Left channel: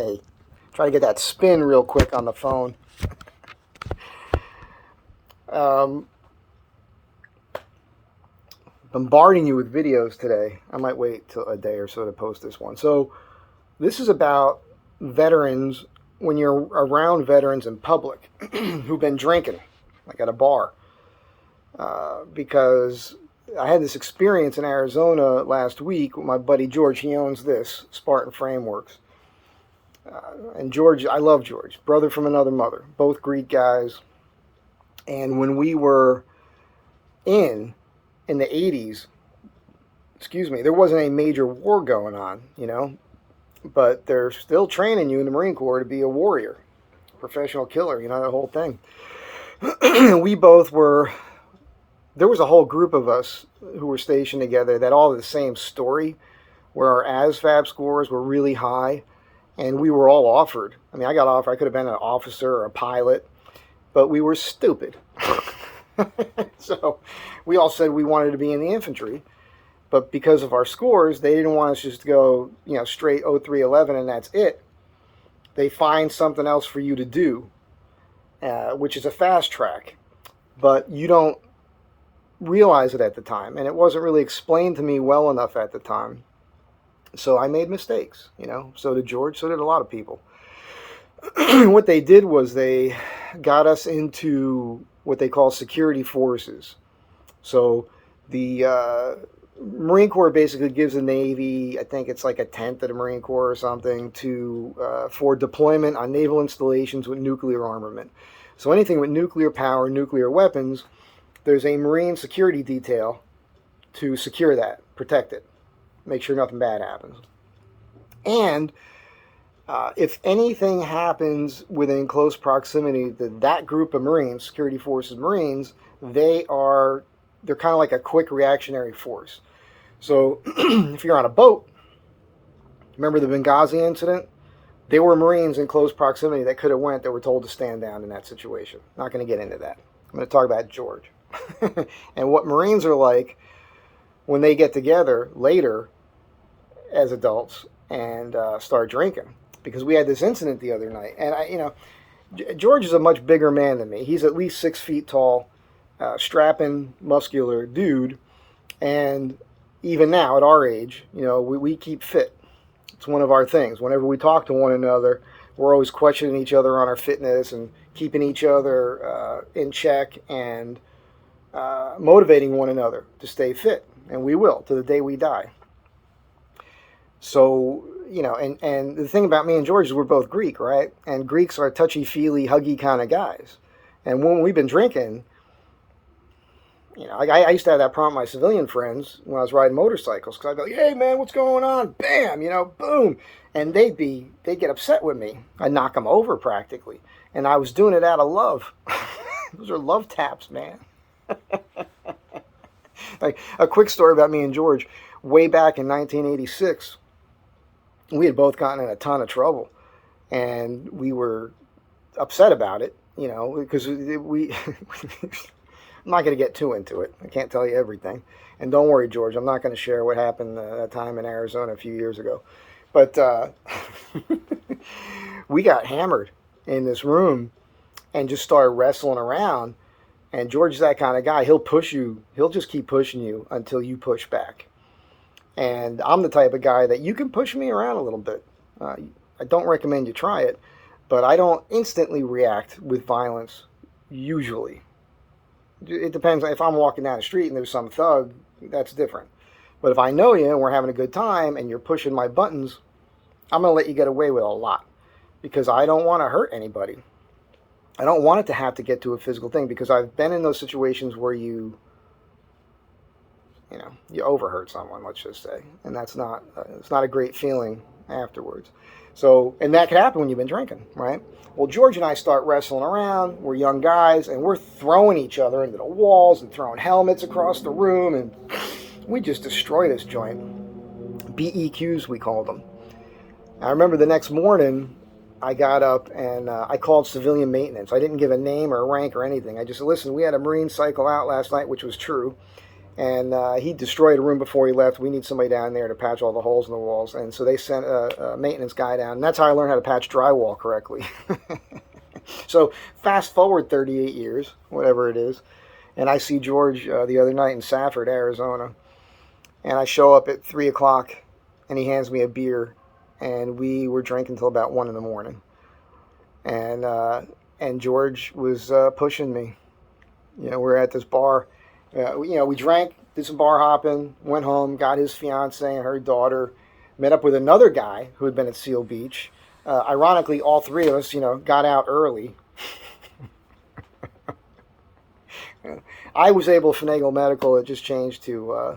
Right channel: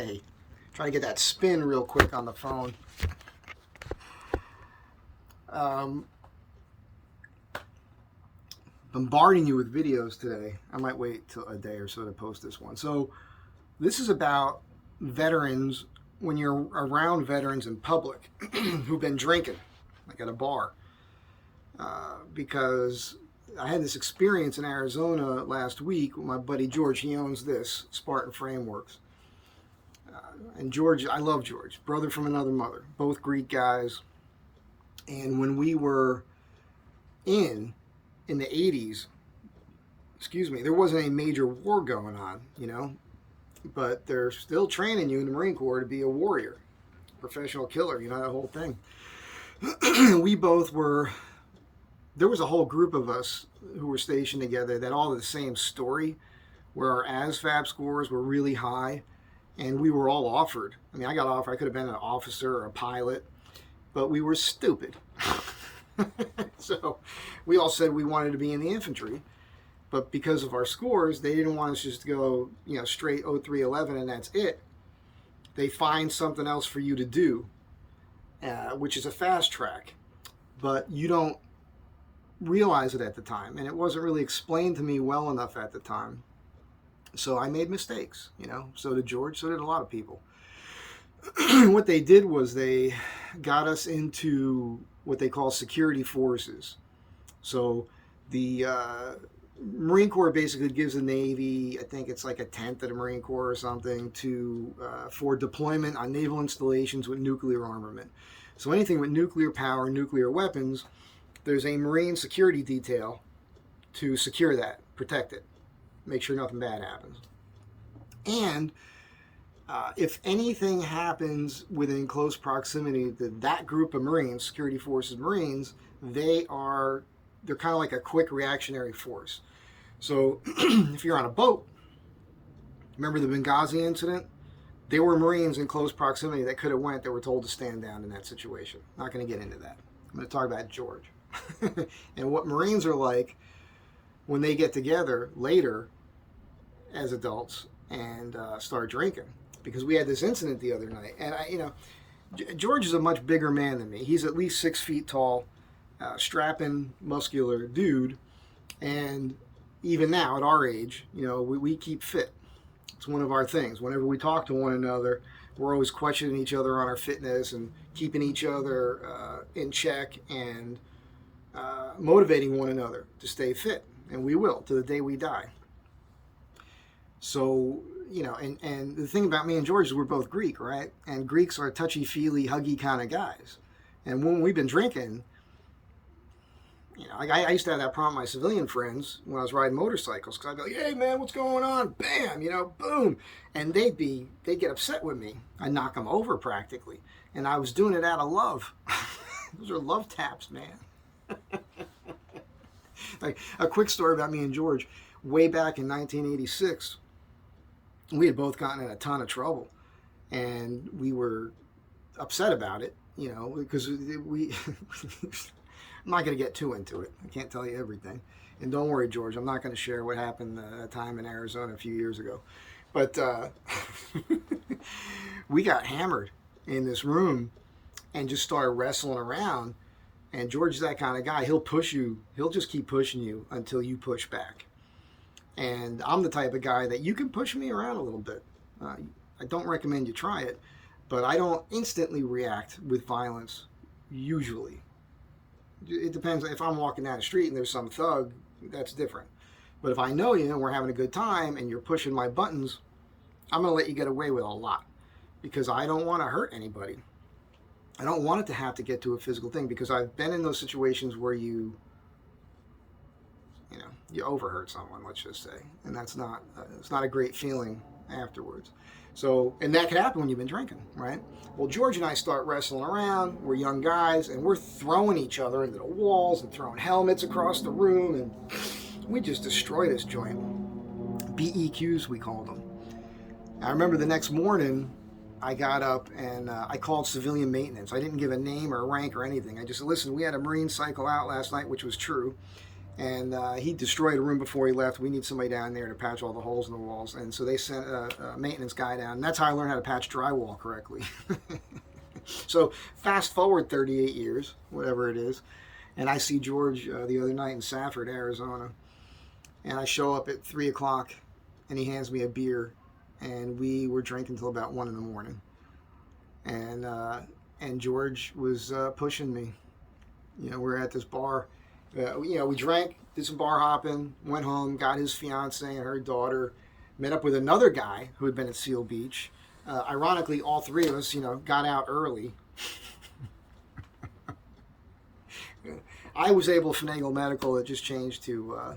Hey, try to get that spin real quick on the phone. Um, Bombarding you with videos today. I might wait till a day or so to post this one. So, this is about veterans when you're around veterans in public who've been drinking, like at a bar. Because I had this experience in Arizona last week with my buddy George. He owns this, Spartan Frameworks. And George, I love George, brother from another mother, both Greek guys. And when we were in the 80s, excuse me, there wasn't a major war going on, but they're still training you in the Marine Corps to be a warrior, professional killer, that whole thing. We both were, there was a whole group of us who were stationed together that all had the same story, where our ASVAB scores were really high, and we were all offered. I mean, I got offered, I could have been an officer or a pilot, but we were stupid. So we all said we wanted to be in the infantry, but because of our scores, they didn't want us just to go, straight 0311 and that's it. They find something else for you to do, which is a fast track, but you don't realize it at the time, and it wasn't really explained to me well enough at the time. So I made mistakes, So did George, so did a lot of people. What they did was they got us into what they call security forces. So the Marine Corps basically gives the Navy, I think it's like a tenth of the Marine Corps or something, for deployment on naval installations with nuclear armament. So anything with nuclear power, nuclear weapons, there's a Marine security detail to secure that, protect it, make sure nothing bad happens. And if anything happens within close proximity to that group of Marines, security forces Marines, they're kind of like a quick reactionary force. So if you're on a boat, remember the Benghazi incident? They were Marines in close proximity that could have went, that were told to stand down in that situation. Not going to get into that. I'm going to talk about George. And what Marines are like when they get together later as adults and start drinking. Because we had this incident the other night, and George is a much bigger man than me. He's at least 6 feet tall, strapping, muscular dude, and even now at our age, we keep fit. It's one of our things. Whenever we talk to one another, we're always questioning each other on our fitness and keeping each other in check and motivating one another to stay fit, and we will to the day we die. So, and the thing about me and George is we're both Greek, right? And Greeks are touchy-feely, huggy kind of guys. And when we've been drinking, I used to have that problem with my civilian friends when I was riding motorcycles, because I'd be like, hey, man, what's going on? Bam, boom. And they'd get upset with me. I'd knock them over practically. And I was doing it out of love. Those are love taps, man. Like a quick story about me and George. Way back in 1986, we had both gotten in a ton of trouble, and we were upset about it, because we I'm not going to get too into it. I can't tell you everything. And don't worry, George, I'm not going to share what happened that time in Arizona a few years ago. But we got hammered in this room and just started wrestling around. And George is that kind of guy. He'll push you. He'll just keep pushing you until you push back. And I'm the type of guy that you can push me around a little bit. I don't recommend you try it, but I don't instantly react with violence, usually. It depends. If I'm walking down the street and there's some thug, that's different. But if I know you and we're having a good time and you're pushing my buttons, I'm going to let you get away with a lot, because I don't want to hurt anybody. I don't want it to have to get to a physical thing, because I've been in those situations where you overhurt someone, let's just say, and it's not a great feeling afterwards. So, and that could happen when you've been drinking, right? Well, George and I start wrestling around. We're young guys, and we're throwing each other into the walls and throwing helmets across the room, and we just destroy this joint. BEQs, we call them. I remember the next morning, I got up and I called civilian maintenance. I didn't give a name or a rank or anything. I just said, listen, we had a Marine cycle out last night, which was true. And he destroyed a room before he left. We need somebody down there to patch all the holes in the walls. And so they sent a maintenance guy down. And that's how I learned how to patch drywall correctly. So fast forward 38 years, whatever it is. And I see George the other night in Safford, Arizona. And I show up at 3 o'clock and he hands me a beer. And we were drinking until about 1 in the morning. And George was pushing me. We're at this bar. We drank, did some bar hopping, went home, got his fiance and her daughter, met up with another guy who had been at Seal Beach. Ironically, all three of us, got out early. I was able to finagle medical. It just changed to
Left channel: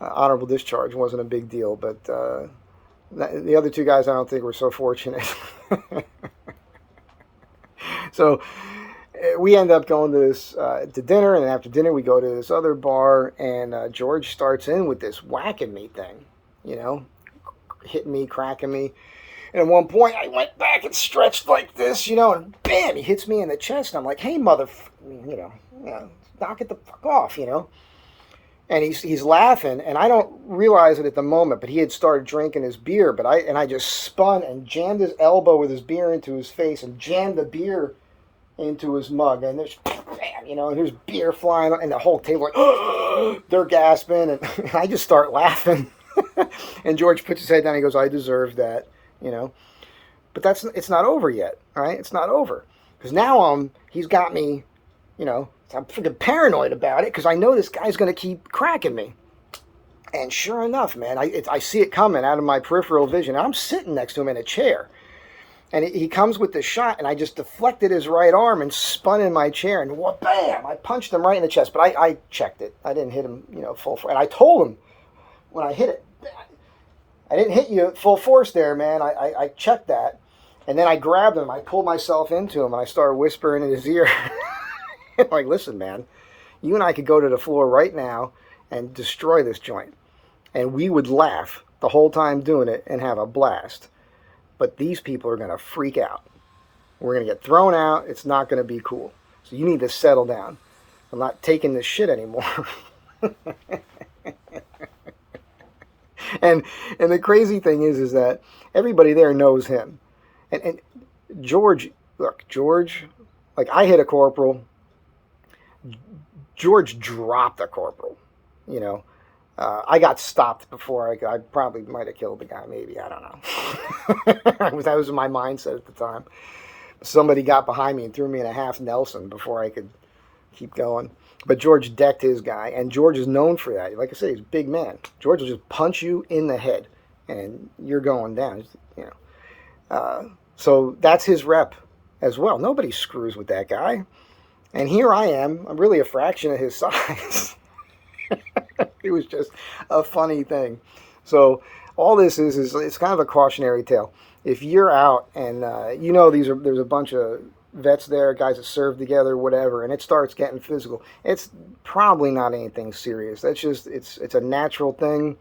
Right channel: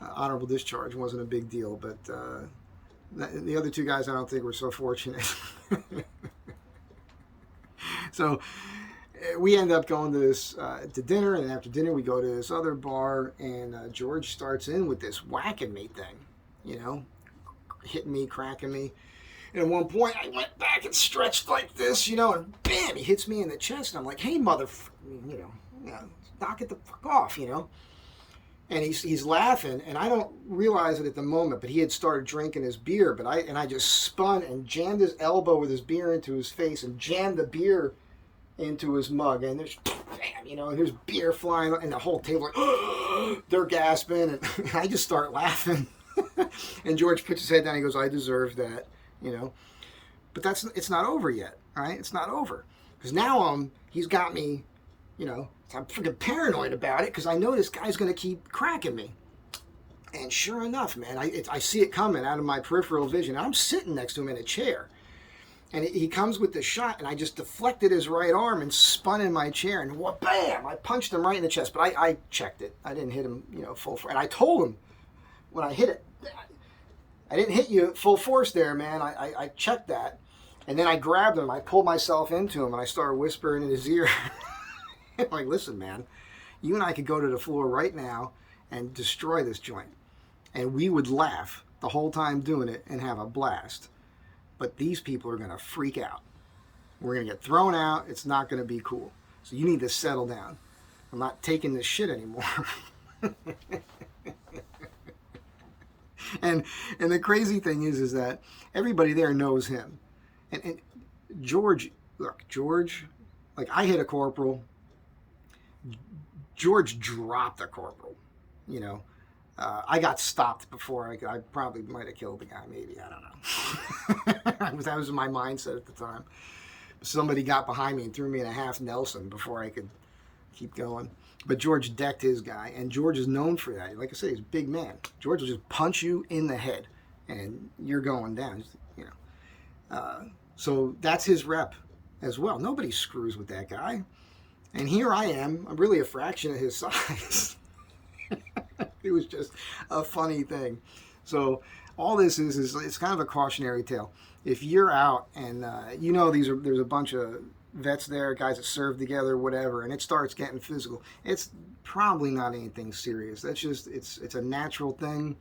honorable discharge. It wasn't a big deal, but the other two guys I don't think were so fortunate. So we end up going to this to dinner, and after dinner we go to this other bar, and George starts in with this whacking me thing, hitting me, cracking me. And at one point I went back and stretched like this, and bam, he hits me in the chest. And I'm like, hey, knock it the fuck off, And he's laughing, and I don't realize it at the moment, but he had started drinking his beer, I just spun and jammed his elbow with his beer into his face and jammed the beer into his mug, and there's bam, and there's beer flying, and the whole table like, they're gasping, and I just start laughing. And George puts his head down. He goes, I deserve that, But it's not over yet, right? It's not over, because now he's got me, I'm freaking paranoid about it, because I know this guy's going to keep cracking me. And sure enough, man, I see it coming out of my peripheral vision. And I'm sitting next to him in a chair. And he comes with the shot, and I just deflected his right arm and spun in my chair, and bam! I punched him right in the chest. But I checked it. I didn't hit him, full force. And I told him when I hit it, I didn't hit you at full force there, man. I checked that. And then I grabbed him. I pulled myself into him, and I started whispering in his ear. Like, listen, man, you and I could go to the floor right now and destroy this joint. And we would laugh the whole time doing it and have a blast. But these people are going to freak out. We're going to get thrown out. It's not going to be cool. So you need to settle down. I'm not taking this shit anymore. And the crazy thing is that everybody there knows him. And George, like, I hit a corporal. George dropped a corporal, I got stopped before I probably might have killed the guy, maybe. I don't know. That was my mindset at the time. Somebody got behind me and threw me in a half Nelson before I could keep going. But George decked his guy, and George is known for that. Like I said, he's a big man. George will just punch you in the head, and you're going down, So that's his rep as well. Nobody screws with that guy. And here I am. I'm really a fraction of his size. It was just a funny thing. So all this is it's kind of a cautionary tale. If you're out and there's a bunch of vets there, guys that serve together, whatever, and it starts getting physical, it's probably not anything serious. That's just it's a natural thing.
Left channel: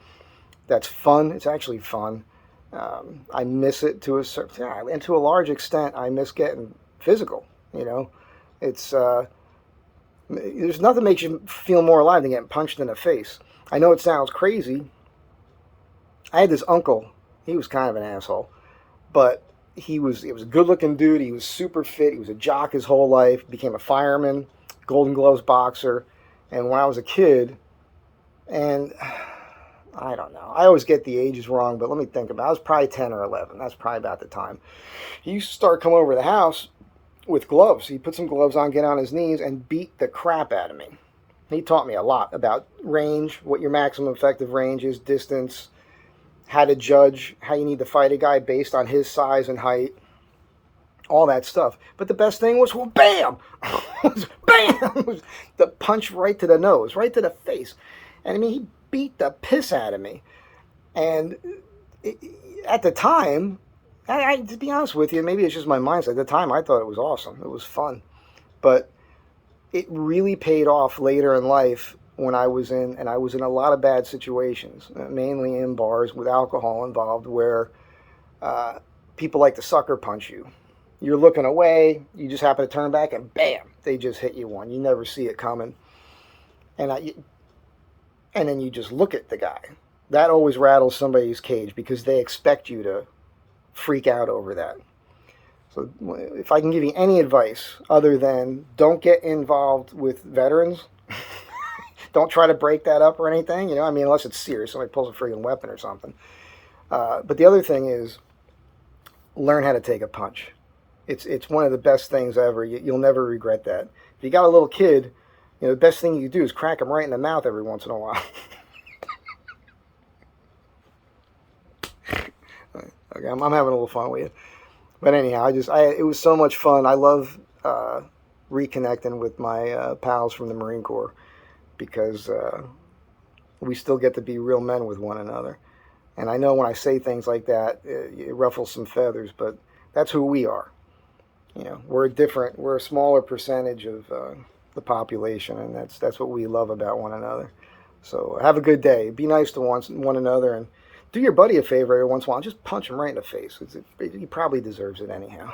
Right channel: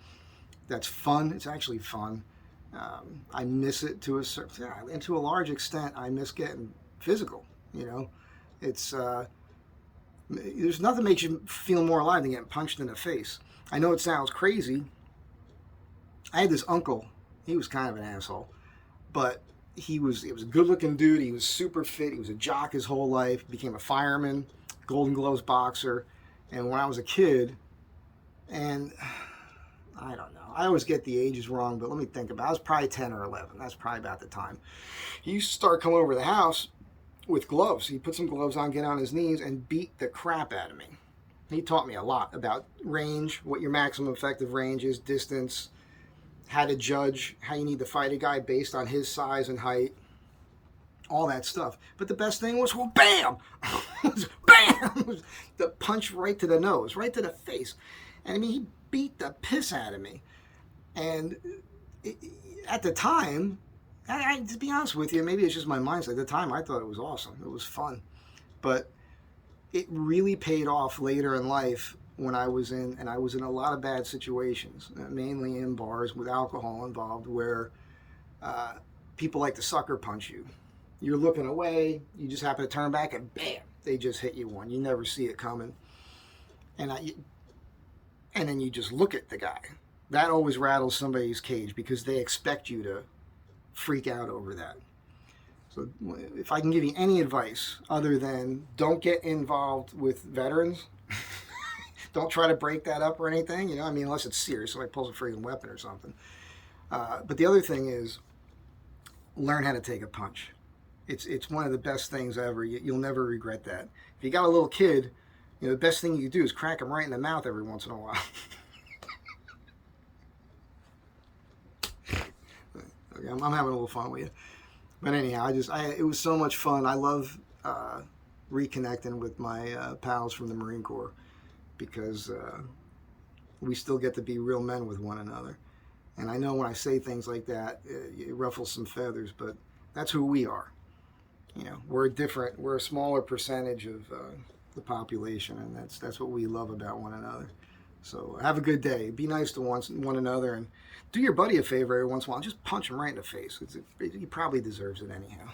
That's fun. It's actually fun. I miss it to a large extent. I miss getting physical. It's there's nothing makes you feel more alive than getting punched in the face. I know it sounds crazy. I had this uncle. He was kind of an asshole, but he was a good-looking dude. He was super fit. He was a jock his whole life. Became a fireman, Golden Gloves boxer. And when I was a kid, and I don't know, I always get the ages wrong, but let me think about it. I was probably 10 or 11. That's probably about the time. He used to start coming over to the house with gloves. He'd put some gloves on, get on his knees, and beat the crap out of me. He taught me a lot about range, what your maximum effective range is, distance, how to judge, how you need to fight a guy based on his size and height, all that stuff. But the best thing was, bam! Bam! The punch right to the nose, right to the face. And I mean, he beat the piss out of me. And at the time, to be honest with you, maybe it's just my mindset. At the time, I thought it was awesome. It was fun. But it really paid off later in life when I was in a lot of bad situations, mainly in bars with alcohol involved, where people like to sucker punch you. You're looking away, you just happen to turn back, and bam, they just hit you one. You never see it coming. And and then you just look at the guy. That always rattles somebody's cage because they expect you to freak out over that. So if I can give you any advice other than don't get involved with veterans, don't try to break that up or anything, you know, I mean, unless it's serious, somebody pulls a freaking weapon or something. But the other thing is learn how to take a punch. It's one of the best things ever. You'll never regret that. If you got a little kid, you know, the best thing you can do is crack them right in the mouth every once in a while. Okay, I'm having a little fun with you. But anyhow, it was so much fun. I love reconnecting with my pals from the Marine Corps because we still get to be real men with one another. And I know when I say things like that, it ruffles some feathers, but that's who we are. You know, we're a smaller percentage of the population, and that's what we love about one another. So have a good day. Be nice to one another, and do your buddy a favor every once in a while. Just punch him right in the face. He probably deserves it anyhow.